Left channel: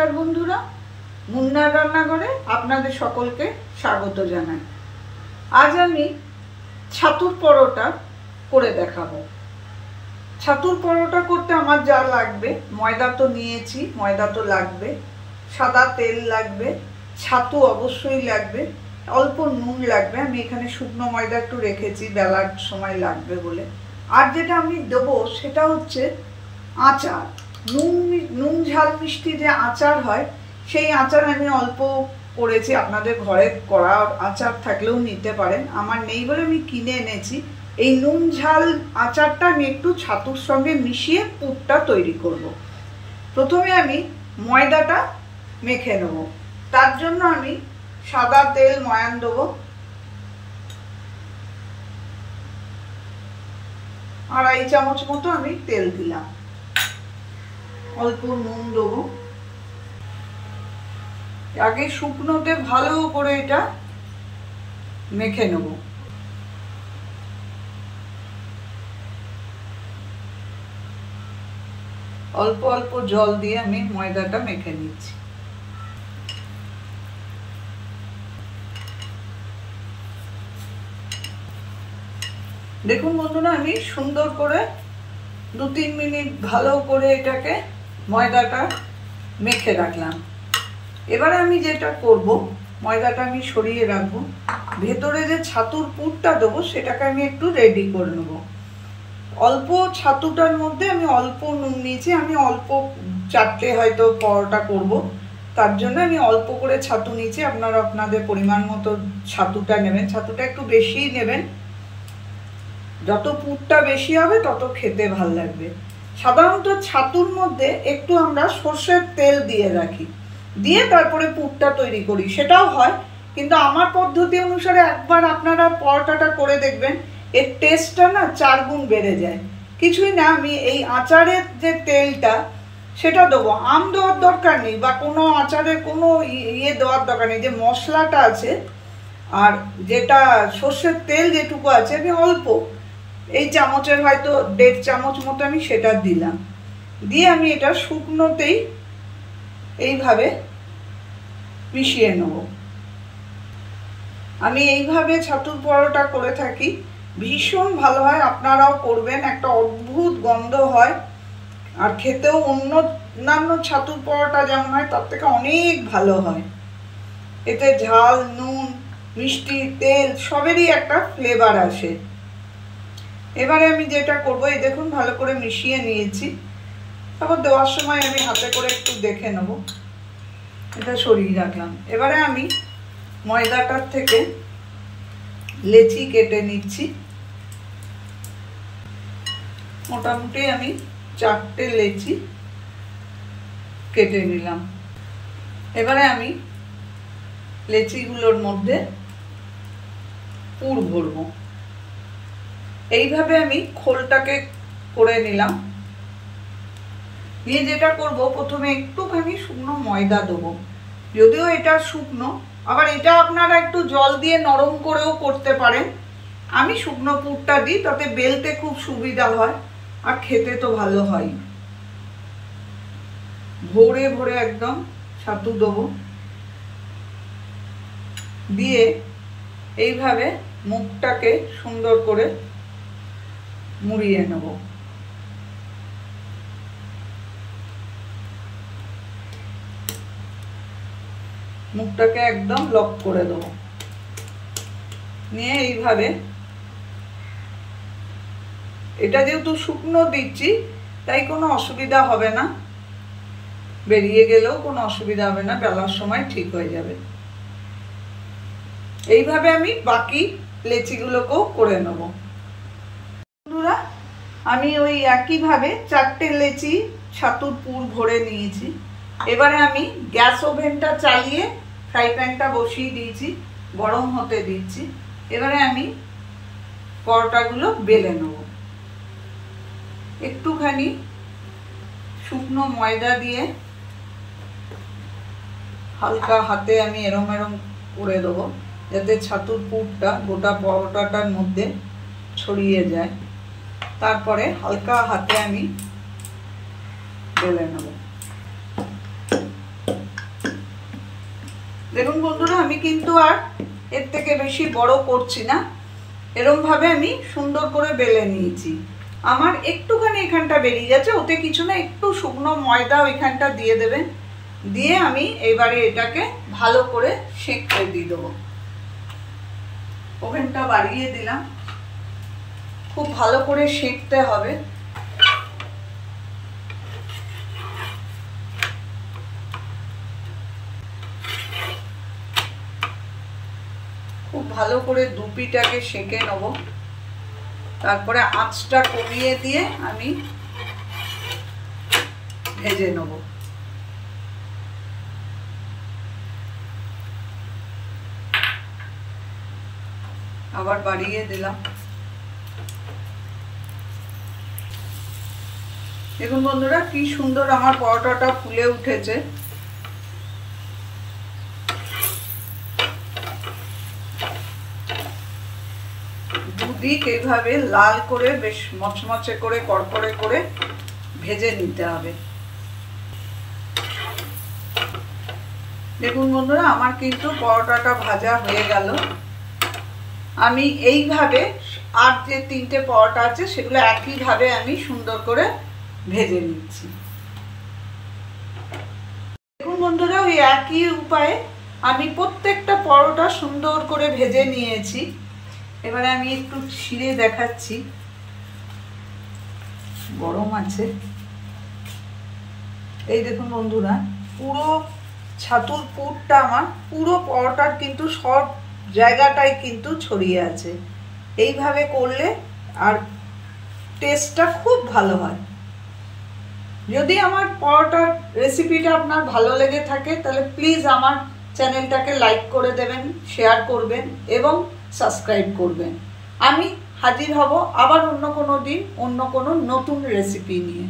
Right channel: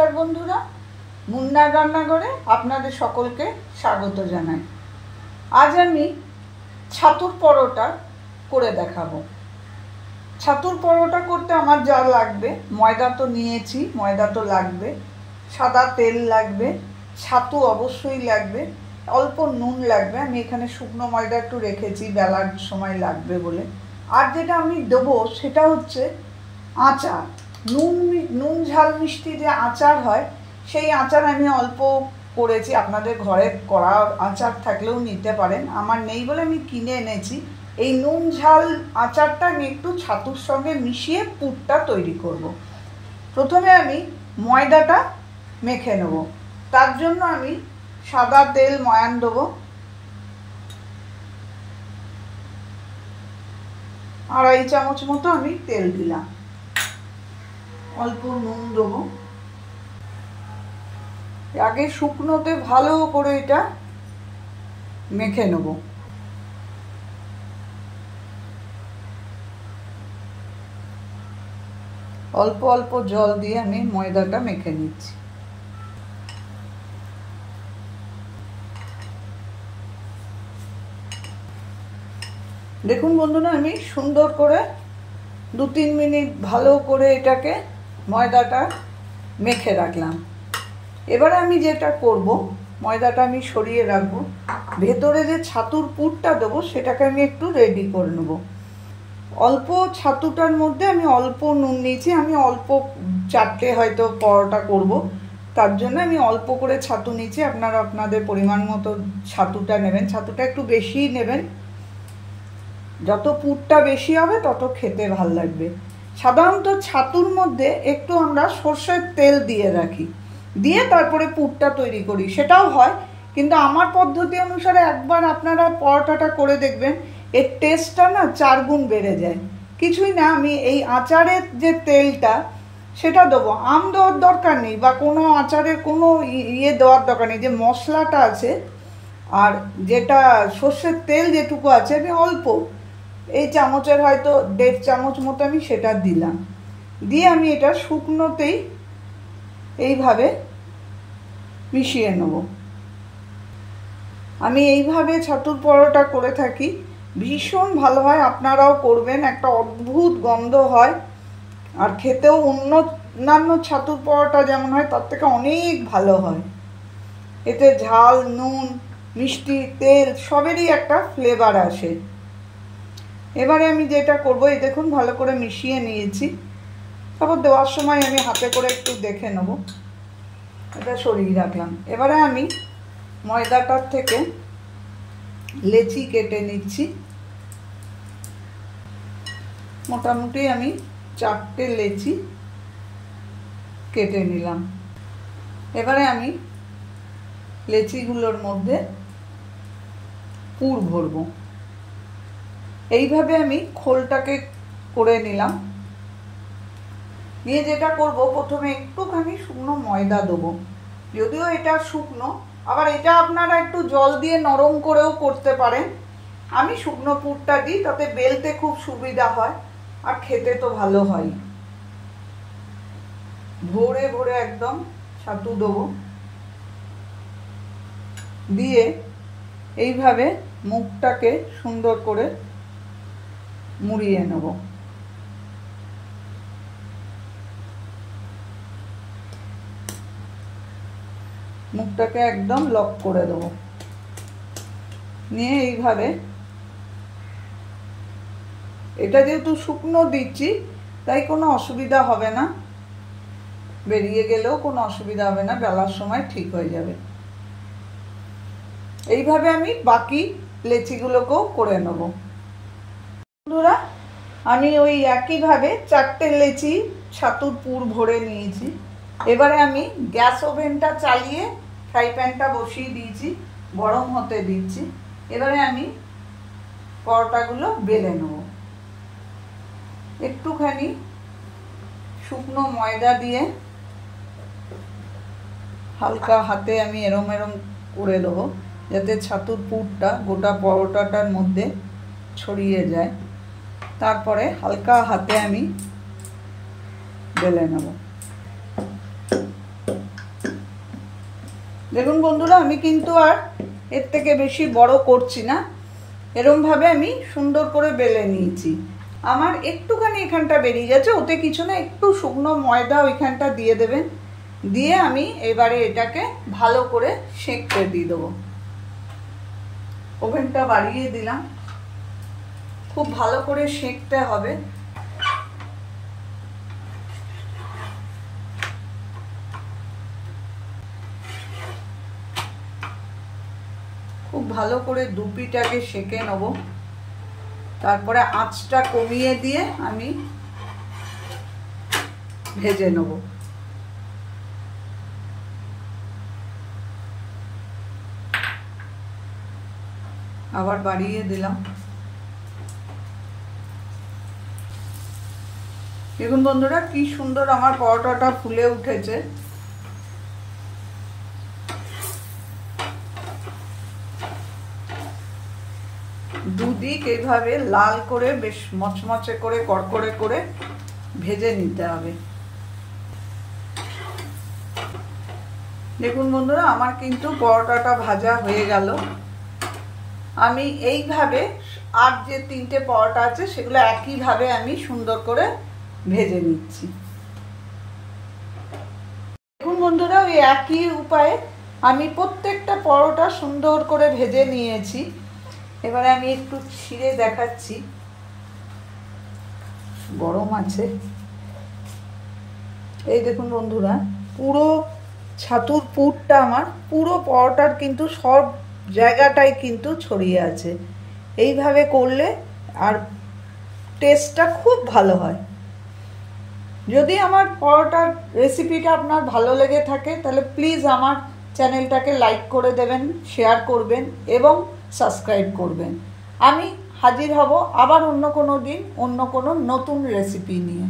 নমস্কার বন্ধুরা, মুন্নার রান্নাঘরে আপনাদের সকলকে স্বাগত জানাই। আজ আমি ছাতুর পরোটা করে দেখাবো। ছাতুর পরোটা করতে আমার যা লাগবে, ময়দা তো নিয়েছি, ময়দা তো লাগবে, সাদা তেল লাগবে, ছাতু অবশ্যই লাগবে, অল্প নুন লাগবে। আমি এখানে শুকনো ময়দা একটু রেখেছি বেলার সময় লাগবে বলে। আর যেটা আমি দেবো সেটা হচ্ছে আচার। নুন ঝাল মিষ্টি যে আচার হয়, সেই আচার আমি অল্প করেছি। আপনাদের ঘরে করা আচার থাকলেও নিতে পারেন, আমার নেই বলে আমি কিনে এনেছি। এই নুন ঝাল আচারটা আমি একটু ছাতুর সঙ্গে মিশিয়ে পুরটা তৈরি করব। প্রথমে আমি ময়দাটা মেখে নেব। তার জন্য আমি সাদা তেল ময়ান দেবো, 2.5 চামচ মতো আমি তেল দিলাম, অল্প নুন দেবো। আগে শুকনোতে ভালো করে এটা মেখে নেব। অল্প অল্প জল দিয়ে আমি ময়দাটা মেখে নিচ্ছি। দেখুন বন্ধুরা, আমি সুন্দর করে 2-3 মিনিট ভালো করে এটাকে ময়দাটা মেখে রাখলাম। এবারে আমি যেটা করব, ময়দাটা আমি সরিয়ে রাখবো, ভেতরে যে ছাতুর পুরটা দেবো সেটাকে আমি একটু রেডি করে নেব। অল্প ছাতুটার মধ্যে আমি অল্প নুন নিয়েছি। আমি অল্প 4টে হয়তো পরোটা করব, তার জন্য আমি অল্প করে ছাতু নিয়েছি। আপনারা আপনাদের পরিমাণ মতো ছাতুটা নেবেন, ছাতুটা একটু বেশি নেবেন। যত পুরটা বেশি হবে তত খেতে ভালো লাগবে। সাধারণত ছাতুর মধ্যে একটু আমরা সর্ষের তেল দিয়ে রাখি, দিয়ে তারপরে পুরটা তৈরি করি, সেটাও হয়। কিন্তু আমার পদ্ধতি অনুসারে একবার আপনারা পরোটাটা করে দেখবেন, এর টেস্টটা না 4 গুণ বেড়ে যায়। কিছুই না, আমি এই আচারের যে তেলটা সেটা দেবো। আম দেওয়ার দরকার নেই, বা কোনো আচারের কোনো ইয়ে দেওয়ার দরকার নেই। যে মশলাটা আছে আর যেটা সর্ষের তেল যেটুকু আছে, আমি অল্প এই চামচের হয়তো 1.5 চামচ মতো আমি সেটা দিলাম। দিয়ে আমি এটা শুকনোতেই এইভাবে মিশিয়ে নেব। আমি এইভাবে ছাতুর পরোটা করে থাকি, ভীষণ ভালো হয়। আপনারাও করবেন, একটা অদ্ভুত গন্ধ হয়, আর খেতেও অন্যান্য ছাতুর পরোটা যেমন হয় তার থেকে অনেক ভালো হয়। এতে ঝাল, নুন, মিষ্টি, তেল সবেরই একটা ফ্লেভার আসে। এবারে আমি যেটা করবো, এই দেখুন ভালো করে মিশিয়ে নিয়েছি। তারপর দেওয়ার সময় আমি হাতে করে একটু দেখে নেব। এটা সরিয়ে রাখলাম। এবারে আমি ময়দাটার থেকে লেচি কেটে নিচ্ছি। মোটামুটি আমি 4টে লেচি কেটে নিলাম। এবারে আমি লেচিগুলোর মধ্যে পুর ভরবো। এইভাবে আমি খোলটাকে করে নিলাম। নিয়ে যেটা করব, প্রথমে একটুখানি শুকনো ময়দা দেবো। যদিও এটা শুকনো, আবার এটা আপনারা একটু জল দিয়ে নরম করেও করতে পারেন। আমি শুকনো পুরটা দিই, তাতে বেলতে খুব সুবিধা হয় আর খেতে তো ভালো হয়। ভরে ভরে একদম ছাতু দেবো, দিয়ে এইভাবে মুখটাকে সুন্দর করে মুড়িয়ে নেব। মুখটাকে একদম লক করে দেবো। নিয়ে এইভাবে, এটা যেহেতু শুকনো দিচ্ছি তাই কোনো অসুবিধা হবে না, বেরিয়ে গেলেও কোনো অসুবিধা হবে না, বেলার সময় ঠিক হয়ে যাবে। এইভাবে আমি বাকি লেচিগুলোকেও করে নেব। বন্ধুরা, আমি ওই একইভাবে 4টে লেচি ছাতুর পুর ভরে নিয়েছি। এবারে আমি গ্যাস ওভেনটা চালিয়ে ফ্রাই প্যানটা বসিয়ে দিয়েছি, গরম হতে দিচ্ছি। এবারে আমি পরোটাগুলো বেলে নেব। একটুখানি শুকনো ময়দা দিয়ে হালকা হাতে আমি এরম এরম করে দেবো, যাতে ছাতুর পুরটা গোটা পরোটাটার মধ্যে ছড়িয়ে যায়। তারপরে হালকা হাতে আমি বেলে নেব। দেখুন বন্ধুরা, আমি কিন্তু আর এর থেকে বেশি বড় করছি না, এরকম ভাবে আমি সুন্দর করে বেলে নিয়েছি। আমার একটুখানি এখানটা বেরিয়ে যাচ্ছে, ওতে কিছু না, একটু শুকনো ময়দা ওইখানটা দিয়ে দেবেন, দিয়ে আমি এবারে এটাকে ভালো করে সেঁকতে দিয়ে দেবো। ওভেনটা বাড়িয়ে দিলাম, খুব ভালো করে সেঁকতে হবে। খুব ভালো করে দুপিটাকে সেঁকে নেব, তারপরে আঁচটা কমিয়ে দিয়ে আমি ভেজে নেব। আবার বাড়িয়ে দিলাম। দেখুন বন্ধুরা, কি সুন্দর আমার পরোটাটা ফুলে উঠেছে। দুদিক এইভাবে লাল করে বেশ মচমচে করে কড়কড়ে করে ভেজে নিতে হবে। দেখুন বন্ধুরা, আমার কিন্তু পরোটাটা ভাজা হয়ে গেল। আমি এইভাবে আর যে 3টে পরোটা আছে সেগুলো একইভাবে আমি সুন্দর করে ভেজে নিচ্ছি। দেখুন বন্ধুরা, ওই একই উপায়ে আমি প্রত্যেকটা পরোটা সুন্দর করে ভেজে নিয়েছি। এবারে আমি একটু ছিঁড়ে দেখাচ্ছি, গরম আছে। এই দেখুন বন্ধুরা, পুরো ছাতুর পুরটা আমার পুরো পরোটার কিন্তু সব জায়গাটাই কিন্তু ছড়িয়ে আছে। এইভাবে করলে আর টেস্টটা খুব ভালো হয়। যদি আমার পরোটার রেসিপিটা আপনার ভালো লেগে থাকে তাহলে প্লিজ আমার চ্যানেলটাকে লাইক করে দেবেন, শেয়ার করবেন এবং সাবস্ক্রাইব করবেন। আমি হাজির হব আবার অন্য কোনো দিন অন্য কোনো নতুন রেসিপি নিয়ে।